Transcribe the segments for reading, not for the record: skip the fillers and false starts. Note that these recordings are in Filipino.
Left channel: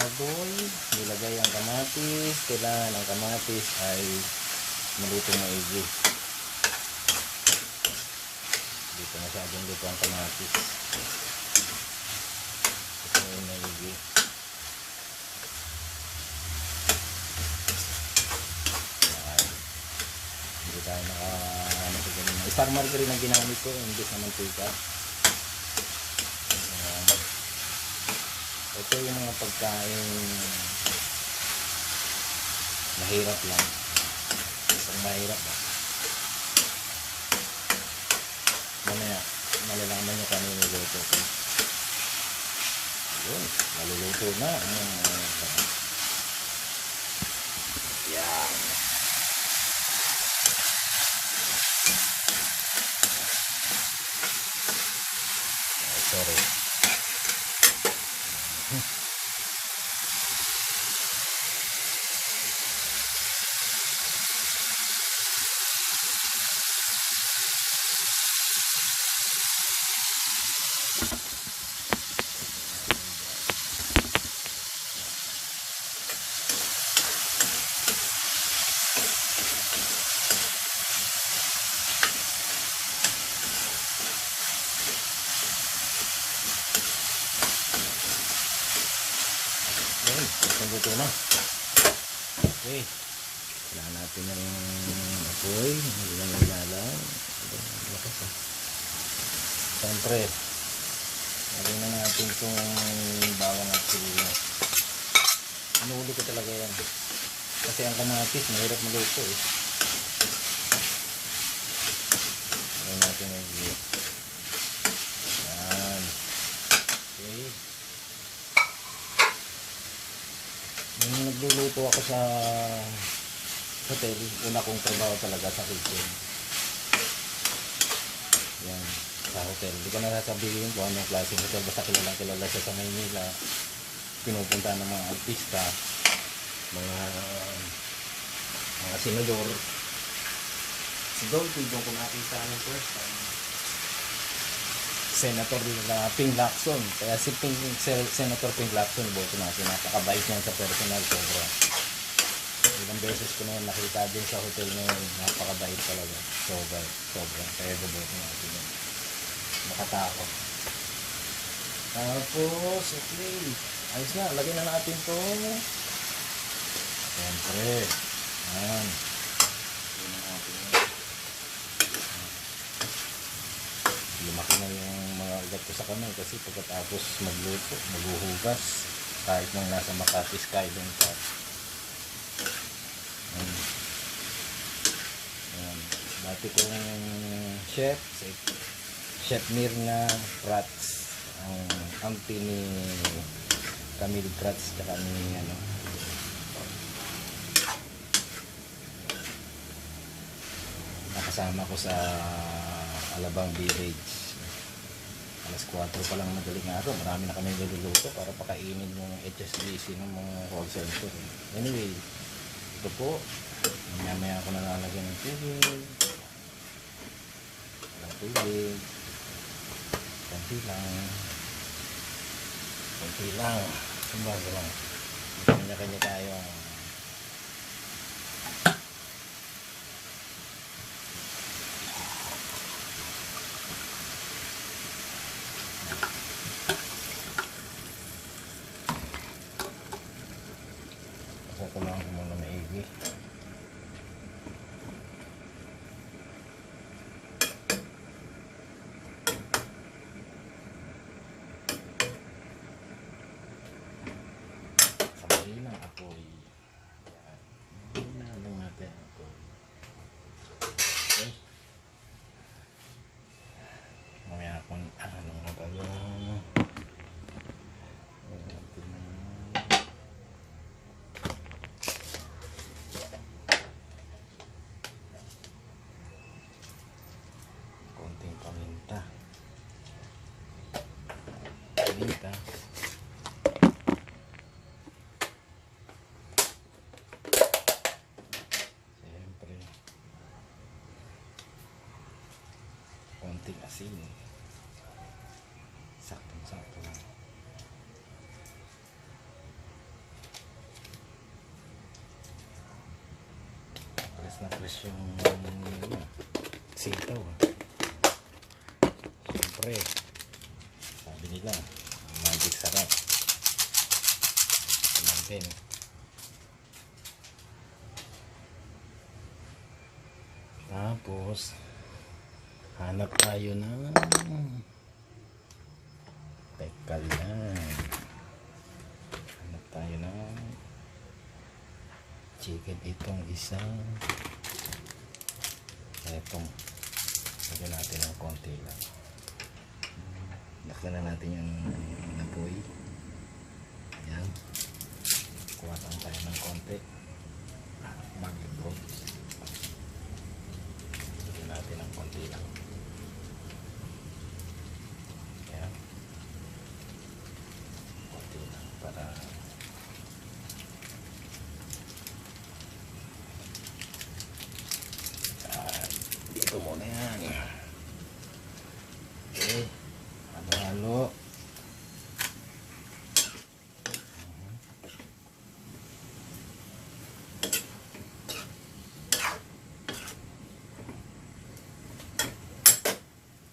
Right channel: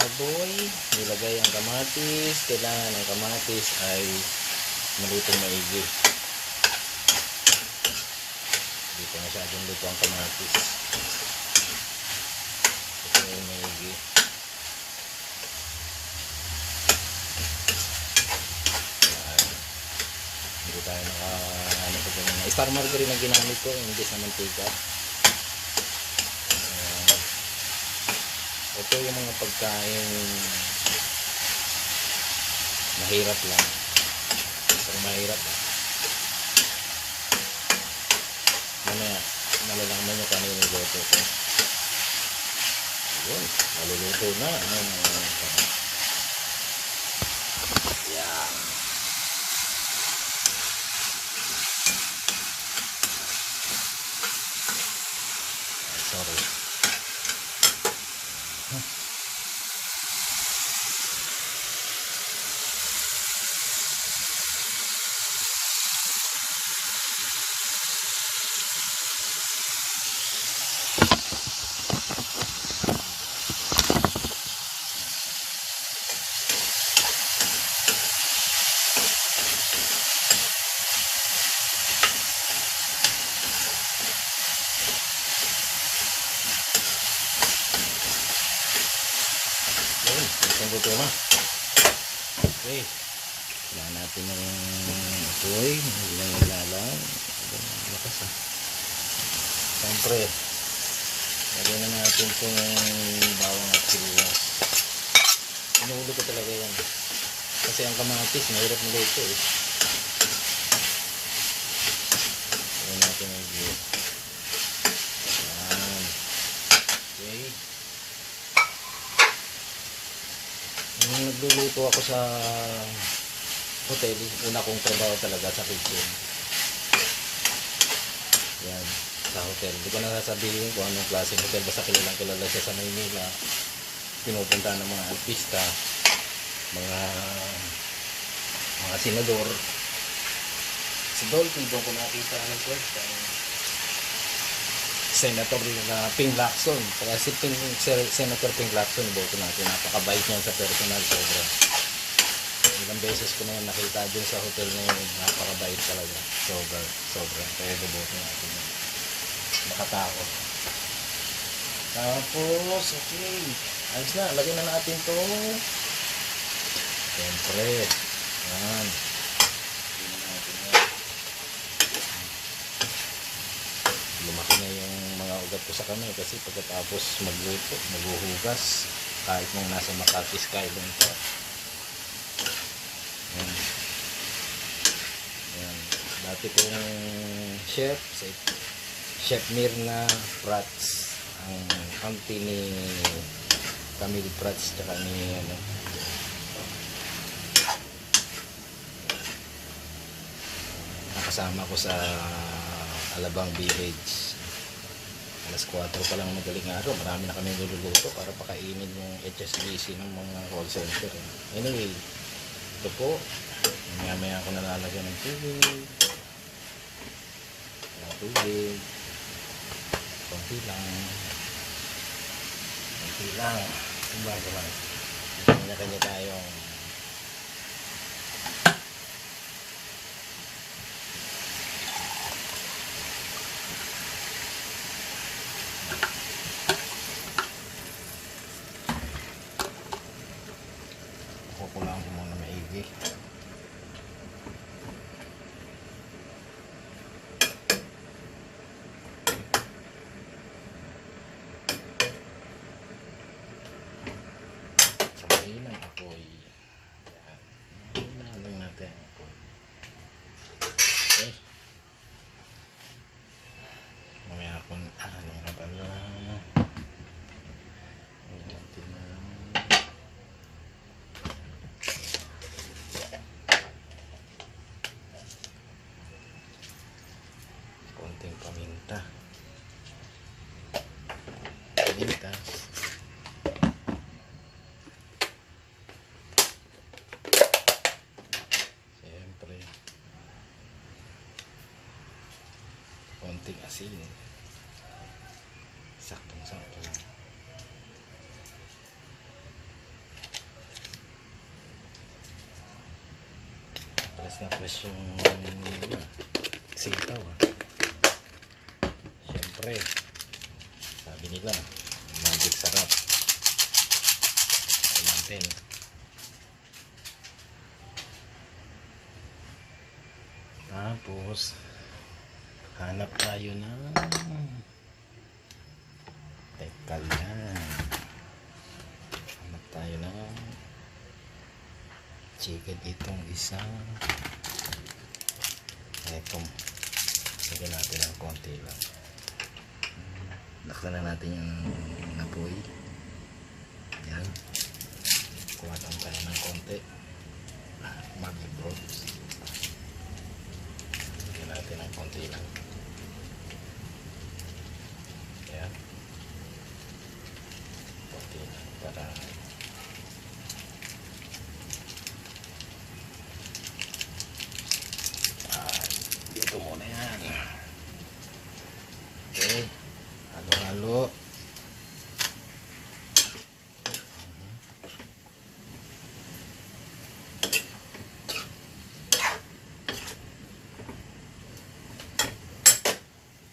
baboy, nilagay ang kamatis. Kailangan ang kamatis ay malutong maigi. Dito masyadong luto ang kamatis. Ito yung maigi. Hindi tayo ano sa ganun. Star margarine ang ginamit ko, hindi sa mantika. Ito yung mga pagkain mahirap lang. Isang mahirap. Mamaya, malalaman nyo kano yung niluto ko. Yun, maluluto na. Yan. Sorry. Ito na. Okay. Kailangan natin ng apoy. Ilang ilalang. Lakas ah. Siyempre, lagyan na natin itong bawang at sibuyas. Inuulo ko talaga yan. Kasi ang kamatis, mahirap maluto eh. Lagyan natin ng yan. Okay. Nung nagluluto ako sa hotel, una kong trabaho talaga sa kitchen. Yan, sa hotel. Hindi ko na sasabihin kung anong klaseng hotel. Basta kilala siya sa Maynila. Pinupunta ng mga artista, mga senador. Si Dolphy, doon ko nakita ng kwenta. Senator Ping Lacson. Kaya si Senator Ping Lacson, boto natin. Napakabait niya sa personal. Sobra. Ilang beses ko na nakita din sa hotel ngayon. Napakabait talaga. Sobra. Kaya boto natin. Makatakot. Tapos, okay. Ayos na. Lagyan na natin to. Siyempre. Yan. Lumaki na yung mga ugat ko sa kamay kasi pagkatapos magluto, maghuhugas kahit nung nasa Makati Skyline pa. Ayan. Dati kong Chef Mirna Prats, ang auntie ni Camille Prats tsaka ni nakasama ko sa Alabang Village. Alas 4 pa lang magaling araw. Marami na kami niluluto para pakainin yung HSBC ng mga call center. Anyway, ito po. Maya ako nalalagyan ng tubig. Konti lang. Kumbaga lang. Kanya-kanya tayo. Kukulang ko muna maigi. Sabahin ang apoy. Yan. Lang natin ang apoy. Okay. Mamaya kung ano na ba yung konting paminta. Siyempre konting asin, saktong-sakto lang. na fresh yung sitaw. Siyempre, sabi nila, magic sarap. Ito natin. Tapos, hanap tayo ng teka lang. Hanap tayo ng chicken itong isa. Etong lagyan natin ng konti lang. Laksan na natin yung apoy. Ayan. Kuha lang tayo ng konti. Mag-broth. Lagyan natin ng konti lang. Ayan. Konti lang para ito muna yan. Okay. Halo-halo.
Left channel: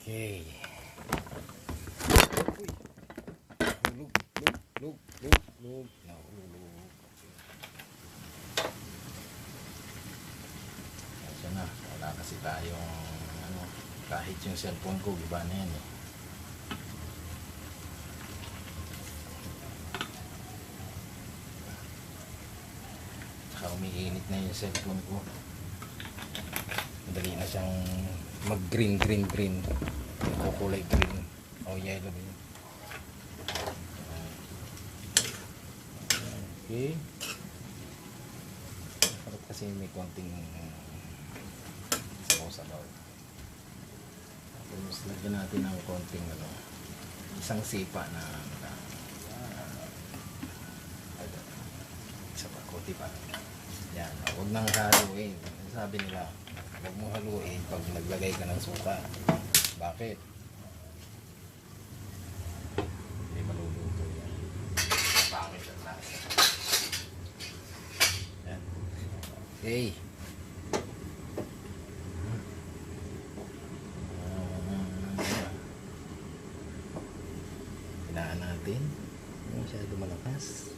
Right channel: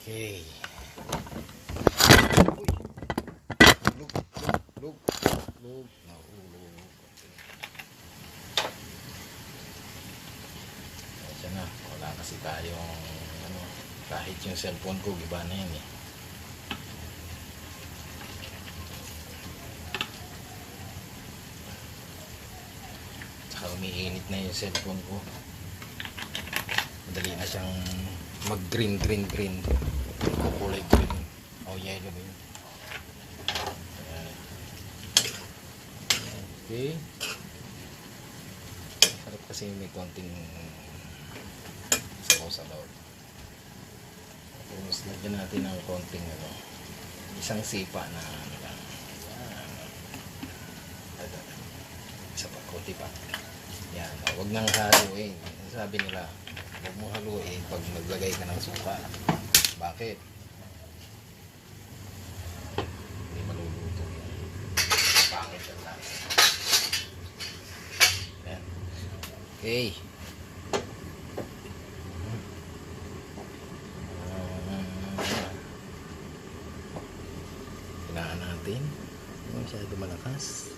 Okay. Lug. Nahulog. Ito na. Wala kasi tayong kahit yung cellphone ko, iba na yan eh. Tsaka umiinit na yung cellphone ko. Madali na siyang mag green. Kulay green o yellow ba yun. Okay. Sarap kasi may konting sabaw. Tapos lagyan natin ng konting isang sipa na isa pa, konti pa. Yan, huwag nang haluin. Sabi nila, huwag mo haluin pag naglagay ka ng suka. Bakit? Hindi maluluto yan. Pangit ang lasa. Yan. Okay. Hinaan natin. Hindi masyado malakas.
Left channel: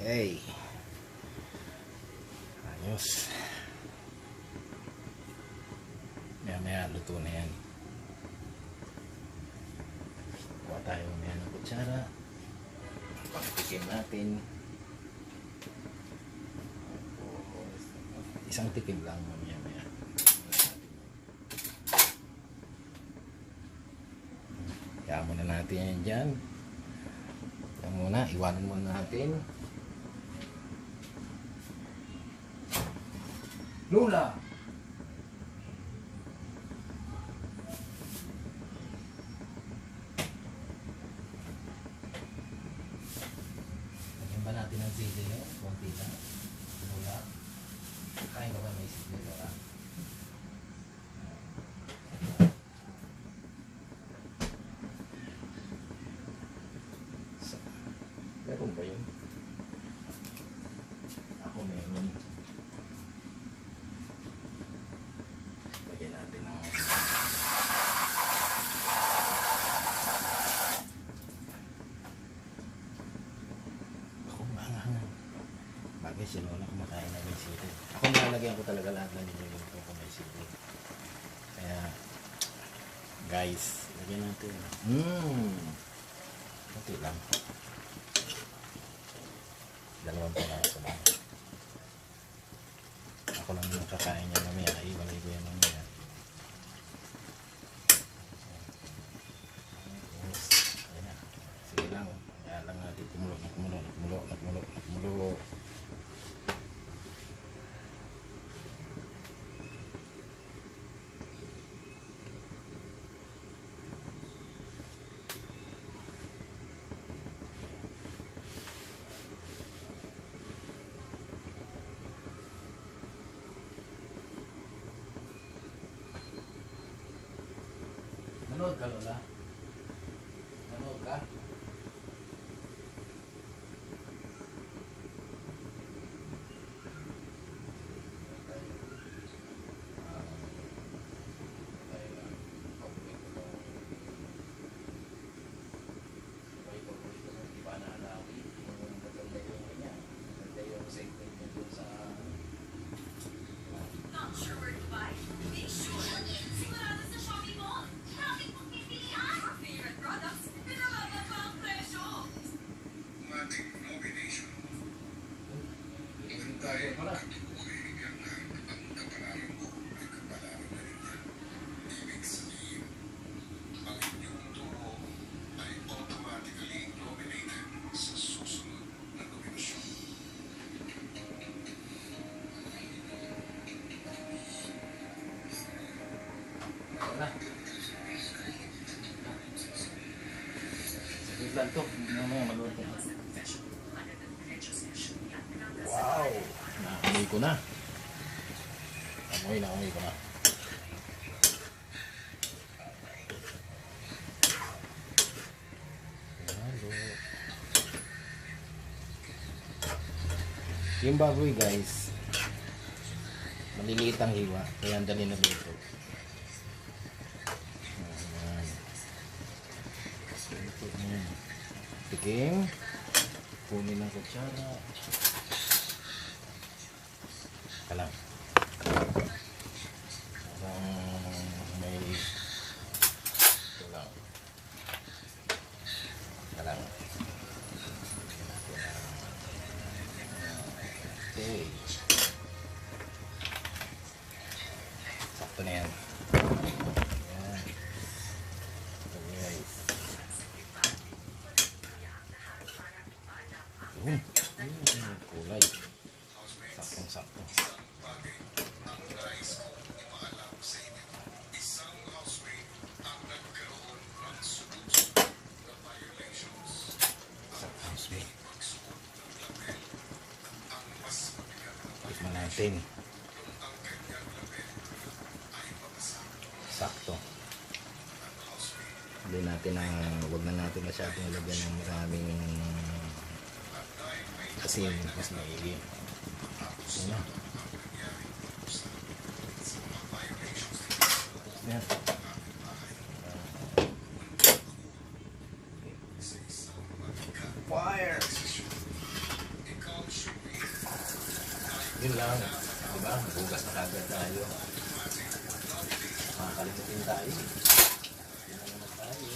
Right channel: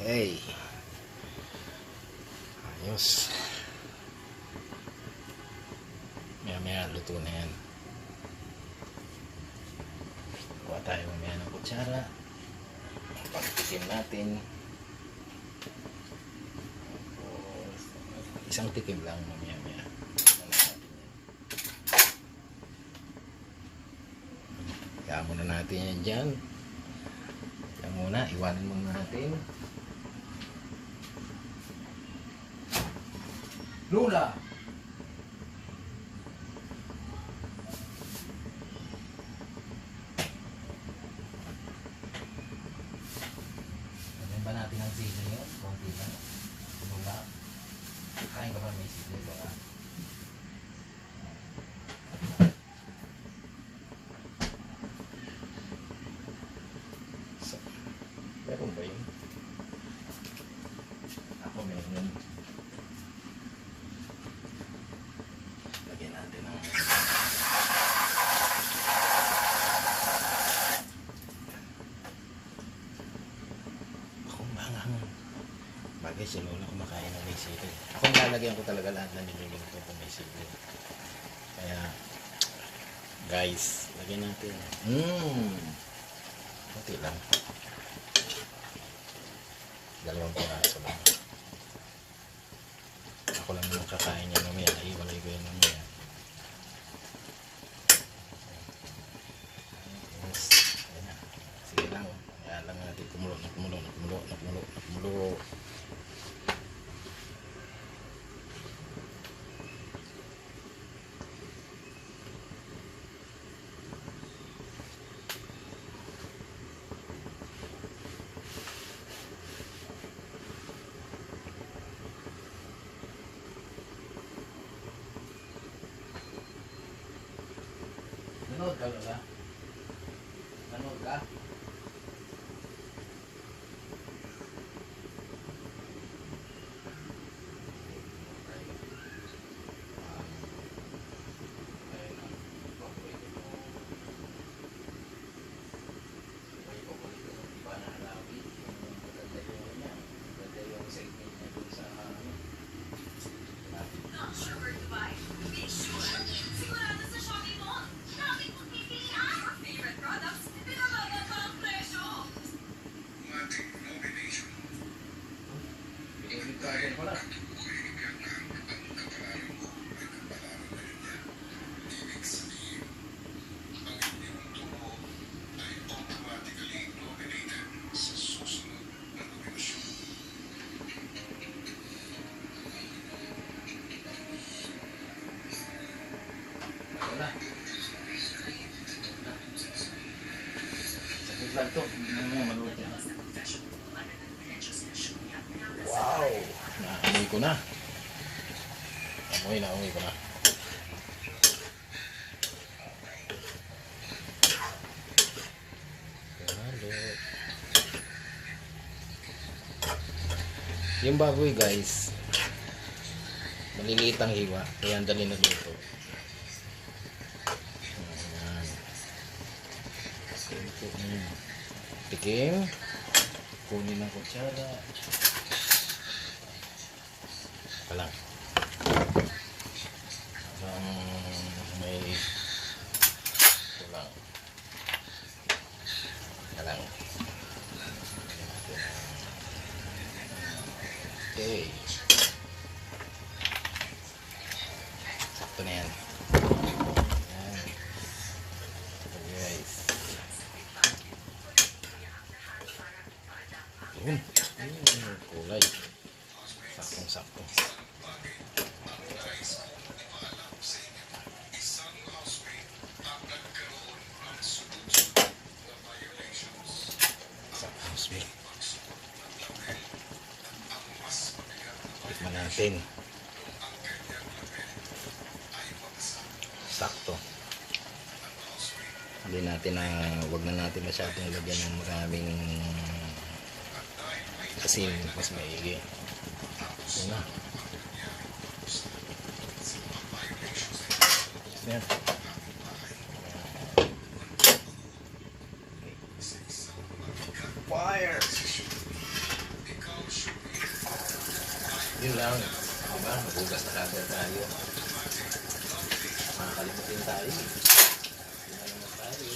Okay. Ayos. Maya luto na yan. Kuha tayo mamaya ng kutsara. Pagtikim natin. Isang tikim lang mamaya. Kaya muna natin yan dyan. Kaya muna, iwanan muna natin. Lola! Lagyan ba natin ang sili yun? Konti lang. Lola. Kain ka ba may sili, Lola? Meron ba yun? Ako meron. Lagyan natin ang ako mangangan. Bagay si Lola kumakain na may sili. Ako nalagyan ko talaga lahat na niluluto ko may sili. Kaya guys, lagyan natin. Kunti lang. Dalawang piraso lang. Ako lang yung kakain niya mamaya. Iwalay ko yan mamaya. Yes. Ayan na. Sige lang. Kaya lang natin kumulo. Nanood ka, Lola? Nanood ka? na. Sakit lang to. Wow! Naamoy ko na. Naamoy ko na. Yung baboy guys, maliliit ang hiwa, kaya ang dali na luto. Ayan. Tikim, kunin ng kutsara. Kalang. Parang may kalang. Kalang. Okay. Sakto na yan. Ayan. Okay guys. Yun. Yun. Kulay. Saktong sakto. Saktong sweet. Tikman natin. Sakto. Hindi natin wag na natin masyadong lagyan ng maraming asin, mas maigi. Yun na. Yan. Fire! Yun lang. Diba? Magugas na kagad tayo. Makakalimutin tayo. Yun naman tayo.